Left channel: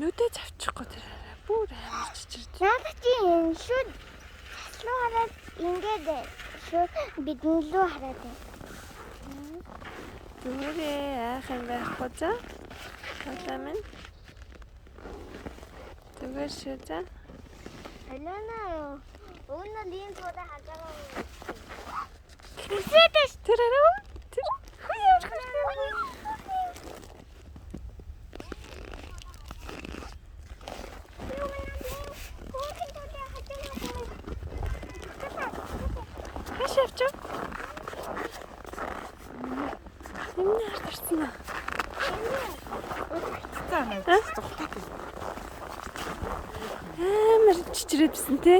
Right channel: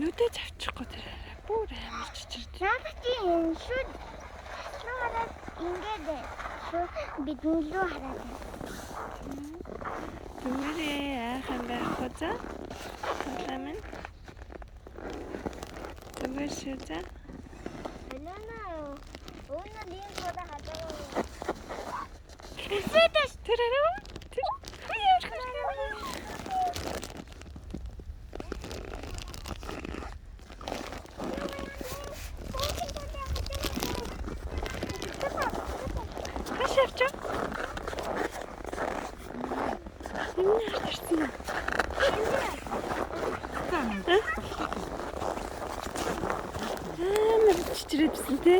нүдэ завчихгүй тэр бүр амар чичирд. Наагийн шүд шууд ингээд бидний лөө хараад байна. Түмэрээ айх юм байхгүй за. Одоо минь. Түмэр шүү за. Алана өнөө дийн суда хадгаа. Үсэтэс тэрэрөө. Хашаачаа. Энэ харсан уу? Амар чичрээдсэн те.